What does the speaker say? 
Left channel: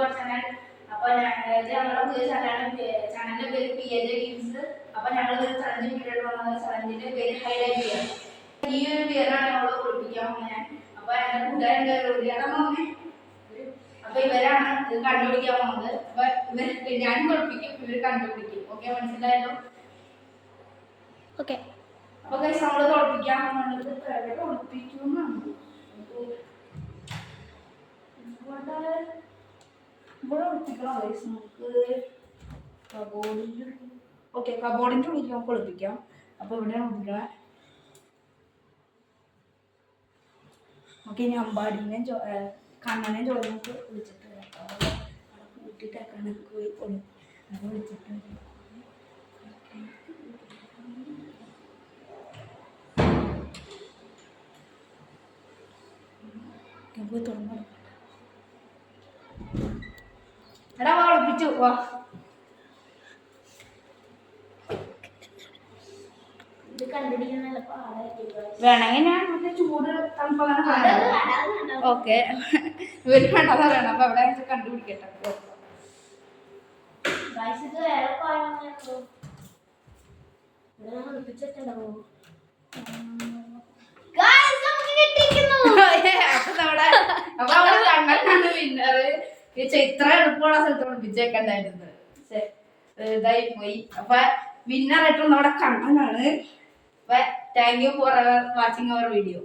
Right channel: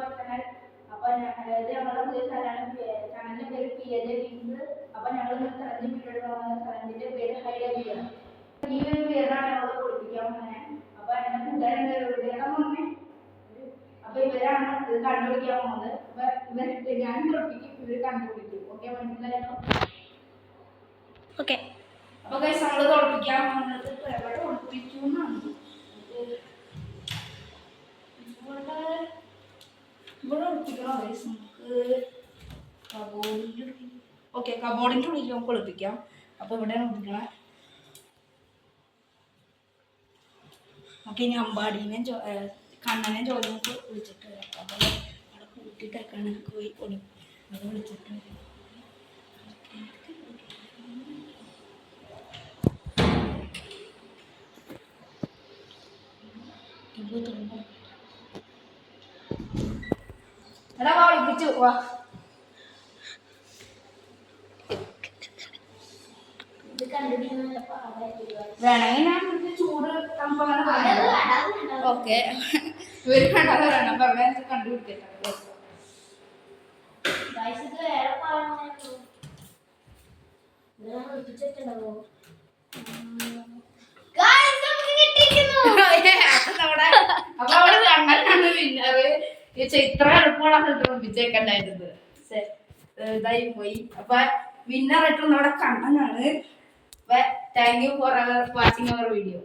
Our channel. അപ്പോൾ ഞങ്ങളുടെ പുതിയ ചാനലിന്റെ പേര് PJ Games. അപ്പോൾ ഞങ്ങൾ ഒരു ചലഞ്ച് വീഡിയോ വന്നത് ചലഞ്ചിന്റെ പേര് ഹൈലൈറ്റ് ചെയ്യാം. ഈ ഒരു പേരാണ് ഞങ്ങൾ കുളിപ്പിക്കാൻ പോകുന്നത്. അപ്പോൾ എൻ്റെ കൂട്ടുകാരുടെ അപ്പോൾ ഇവരാണ് ഇത് കണ്ടുപിടിക്കാൻ പോകുന്നത്. അപ്പോൾ ഞാൻ കുളിപ്പിക്കും, ഇവർ കണ്ടുപിടിക്കും. ഓക്കെ, മനസ്സിലായല്ലോ? ഓക്കെ. അപ്പോൾ ഗൈസ് നമ്മൾ കുളിപ്പിക്കാൻ പോകുന്നത് എവിടെ കുളിപ്പിക്കുമെന്നാണ്. ഇവിടെ ഒളിപ്പിക്കണോ ഗൈസ്? നമുക്ക് കബോർഡിൻ്റെ ഉള്ളിൽ നമുക്ക് ഒളിപ്പിക്കാം. അപ്പോൾ ഇവിടെയാണ് ഒളിപ്പിക്കണേ. നമുക്ക് ഇനി അമ്പാടീനെ കണ്ണനെ ജോലി നമുക്ക് വിളിച്ചിട്ട് വരാം. അപ്പോൾ അവിടെ കൂട്ടിയിട്ടേക്കാണ് നമുക്ക് പോയി അത് വിളിച്ചിട്ട് വരാം. എടാ ഒളിപ്പിച്ചു വാ. വേണമെങ്കിൽ ഞാൻ ചൂട് ഓക്കെ ഇവര് കണ്ടത് വേണം. അപ്പൊ അവിടെ കണ്ടുപിടിക്കട്ടെ. അപ്പൊ അവിടെ കണ്ണനാണ് വിന്നറ്. ഇത്ര എളുപ്പമുള്ള സ്ഥലത്ത് ഒളിപ്പിച്ചേക്കണ്ടായിരുന്നത്. ഇതായി പോയി. അപ്പൊ വിന്നറായിട്ടുള്ള നമ്മുടെ കണ്ണനാണ്. Thank you for watching our video.